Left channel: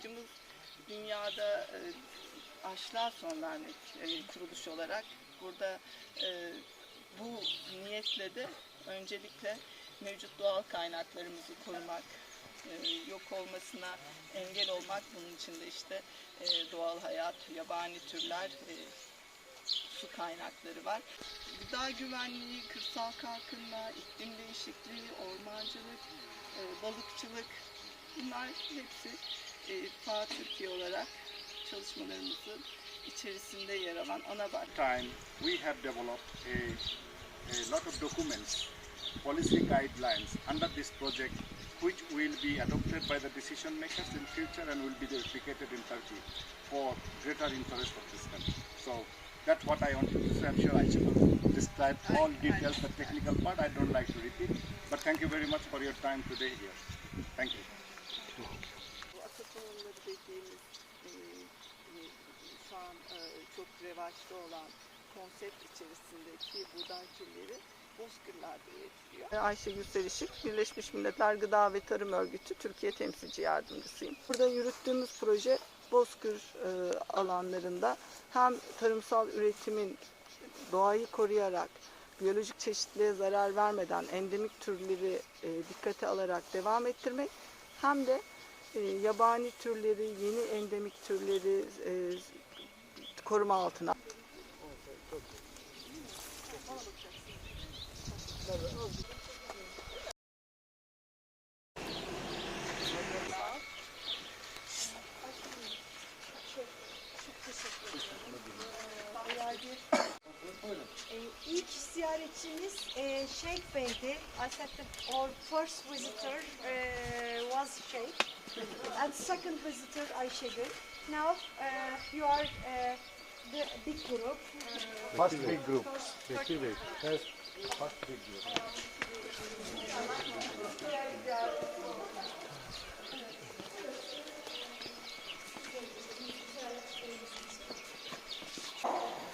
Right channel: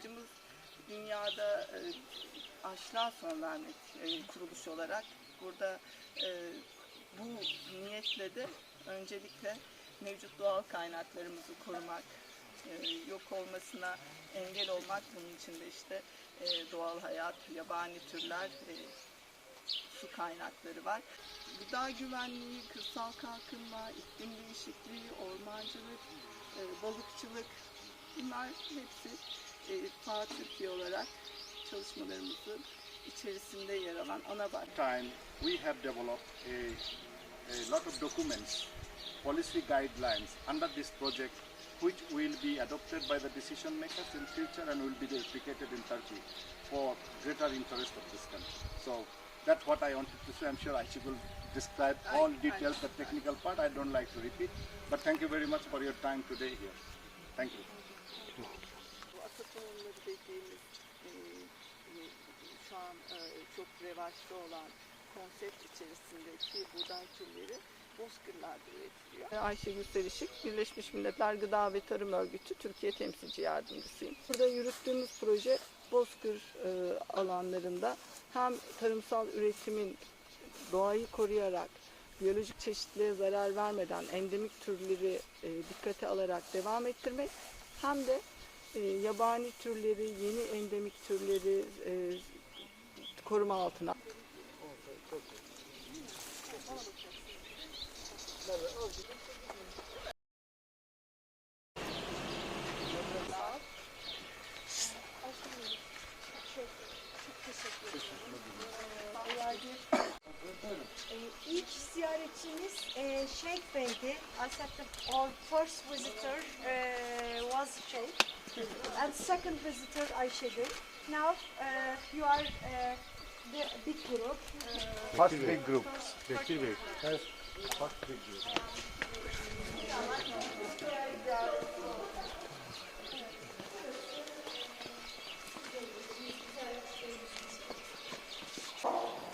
amacımız dünyada e, aşılar son vermek e, kuruluş olarak. Burada e, bu niyetle de öncelikle mevcut doğal kaynaklarımızı korumak, e, yok olmasına engel olmak. Bunun için de işte e, doğal hayat, yabani türler, e, su kaynakları var. Gıda güvenliği, kırsal kalkınma, iklim değişikliği, ormancılık, balıkçılık bunlar hepsi Türkiye olarak çalışmalarımızın içerisinde yer alan ana başlık. time we have developed a, a lot of documents, policy guidelines under this project which will be adopted by the decision makers in future and will be replicated in Turkey for greater interest of this country. So that's what I wanted to say. I'm sure I should describe all details, the technical part. I don't like to repeat. But thank you very much for your time today here. Thank you. Tohumları dediğimiz e, e, şu an e, çok revaçta olan konsept içerisindeki buğday türleri bozkırlarda üretiliyor. Ayşegül Selişik, Birleşmiş Milletler Gıda ve Tarım Örgütü Türkiye Temsilci Yardımcısıyım. Burada yürüttüğümüz proje bozkır e, alanlarında hem tarımsal üretimin doğayı koruyarak biyolojik çeşitliliğe zarar vermeden endemik türleri e, dikkate alarak devam ettirmek hem de e, yabani türleri, yeni endemik türleri e, koruma altına. Ee, ziyaretçimiz e, Sheikh Bey'di. I said the, our first visitor uh, was Sheikh. And second visitor Ayşegül. Now uh, you are uh, the big group. Uh, First big group. first-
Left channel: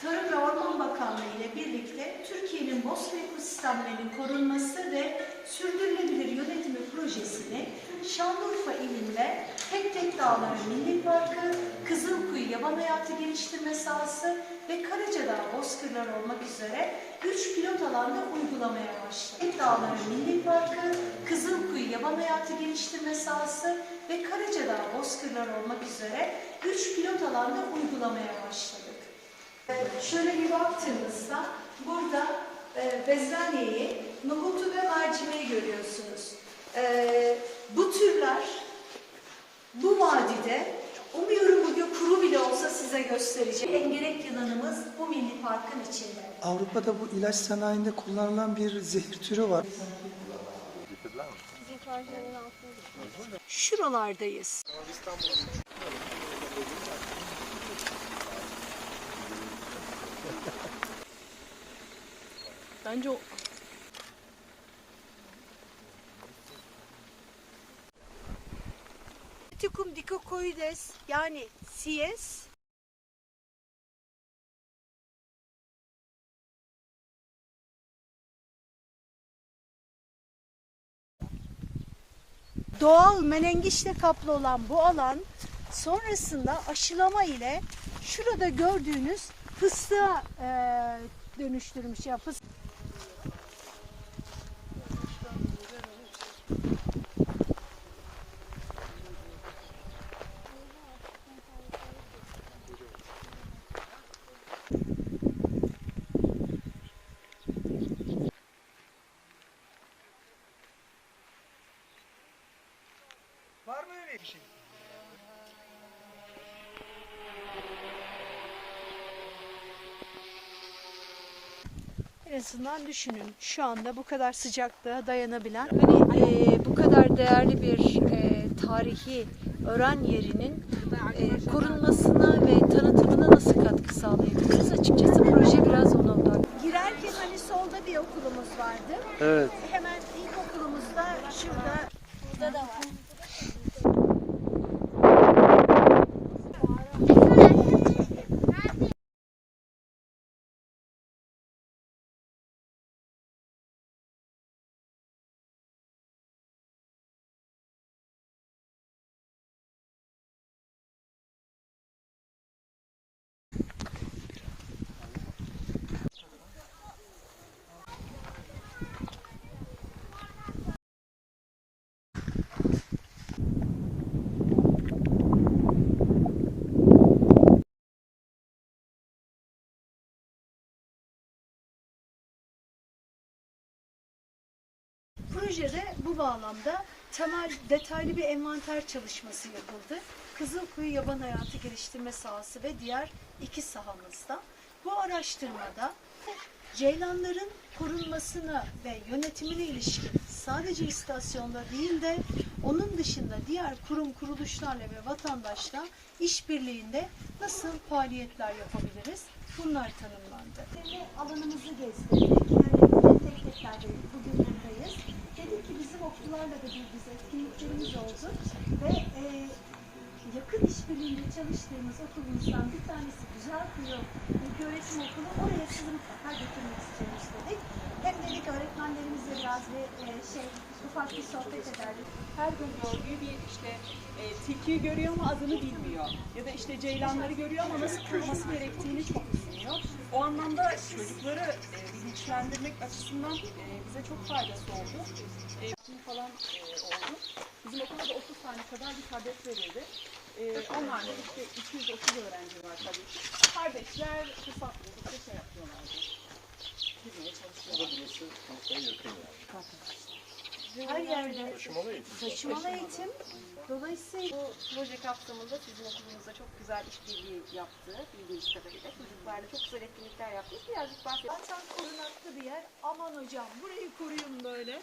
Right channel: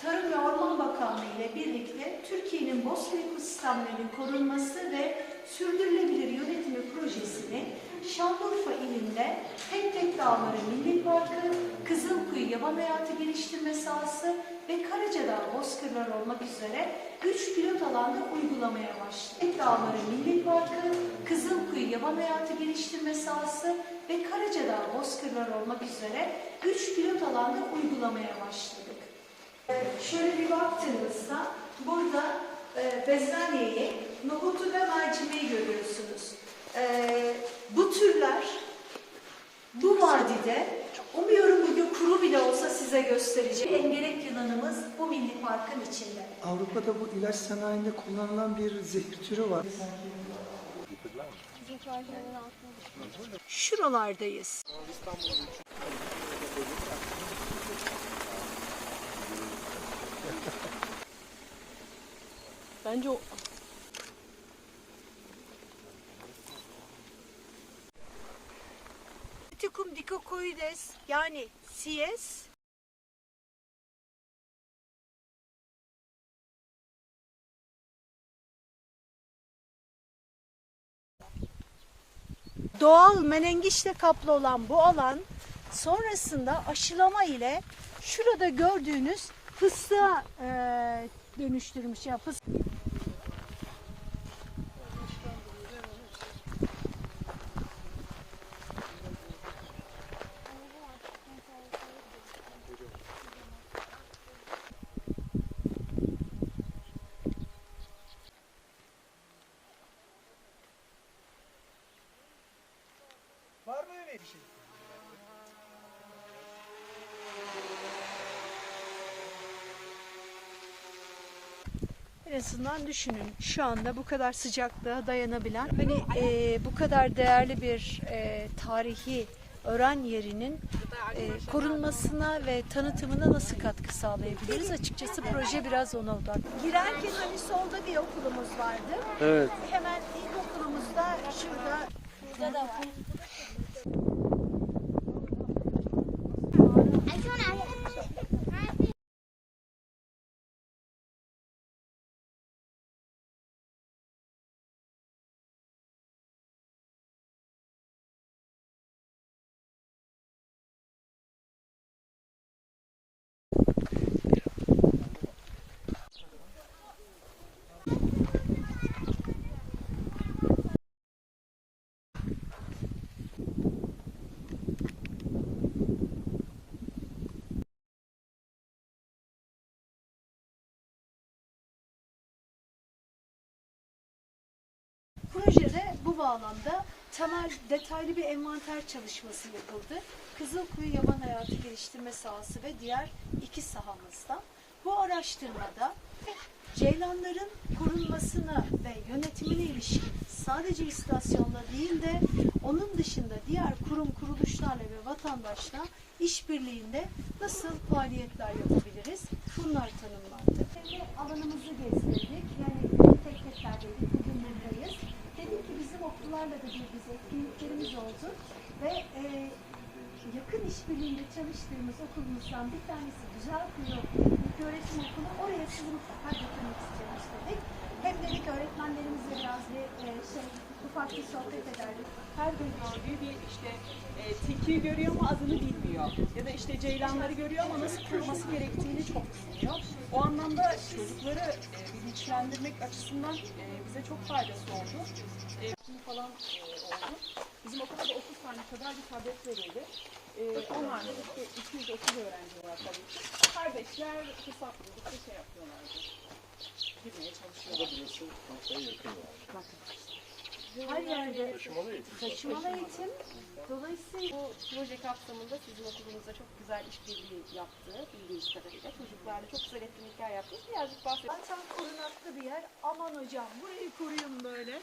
Tarım ve Bakanlığı ile birlikte Türkiye'nin bosna ekosistemlerinin korunması ve sürdürülebilir yönetimi projesini Şanlıurfa ilinde Tek Tek Dağları Milli Parkı, Kızılkuyu Yaban Hayatı Geliştirme Sahası ve Karacadağ Bozkırlar olmak üzere 3 pilot alanda uygulamaya başladı. Tek Dağları Milli Parkı, Kızılkuyu Yaban Hayatı Geliştirme Sahası ve Karacadağ Bozkırlar olmak üzere 3 pilot alanda uygulamaya başladık. Ee, Şöyle bir baktığınızda burada e, bezelyeyi, nohutu ve mercimeği görüyorsunuz. Ee, bu türler bu vadide umuyorum bugün kuru bile olsa size göstereceğim. Engerek yılanımız bu milli parkın içinde. Avrupa'da bu ilaç sanayinde kullanılan bir zehir türü var. Şuralardayız. Bence o Tikum dicocoides yani siyes Doğal menengiçle kaplı olan bu alan sonrasında aşılama ile şurada gördüğünüz fıstığa eee dönüştürmüş. Ya fıs- Bir şey? En azından düşünün şu anda bu kadar sıcaklığa dayanabilen hani e, bu kadar değerli bir e, tarihi öğren yerinin e, korunmasına ve tanıtımına nasıl katkı sağlayabiliriz? Açıkçası proje biraz ona odaklı. Girerken hani solda bir okulumuz vardı. Evet. Hemen ilk okulumuzda şurada burada da var. Projede bu bağlamda temel detaylı bir envanter çalışması yapıldı. Kızılkuyu Yaban Hayatı Geliştirme Sahası ve diğer iki sahamızda. Bu araştırmada ceylanların korunmasına ve yönetimine ilişkin sadece istasyonda değil de onun dışında diğer kurum kuruluşlarla ve vatandaşla işbirliğinde nasıl faaliyetler yapabiliriz? Bunlar tanımlandı. Alanımızı gezdirdik. Yani tek teklerdeydik. Bugün buradayız. Dedik ki bizim okullarla da bir biz etkinliklerimiz oldu ve e, yakın işbirliğinde çalıştığımız okulumuzdan bir tanesi Güzel Kuyu İlköğretim Okulu. Oraya sizi mutlaka götürmek istiyoruz dedik. Hem dedik öğretmenlerimizle biraz bir e, şey ufak bir sohbet ederdik. her gün gördüğü bir işte e, tilkiyi görüyor ama adını bilmiyor. Ya da işte ceylanları görüyor ama nasıl koruması gerektiğini çok bilmiyor. O anlamda çocukları e, bilinçlendirmek açısından e, bize çok faydası oldu. E, bu falan e, oldu. Bizim okulda da 30 tane kadar bir tablet verildi. E, onlarla işte 230 öğrenci var tabii ki. Kardeşler fırsat buldukça şey yapıyorlardı. Girmeye çalışıyorlar. Her yerde taşımalı eğitim. Dolayısıyla Bu proje kapsamında sizin okulunuzda çok güzel işbirliği yaptı bildiğiniz kadarıyla. Çocuklarla çok güzel etkinlikler yaptı. Birazcık bahsedelim. zaten korunaklı bir yer. Aman hocam burayı koruyun böyle.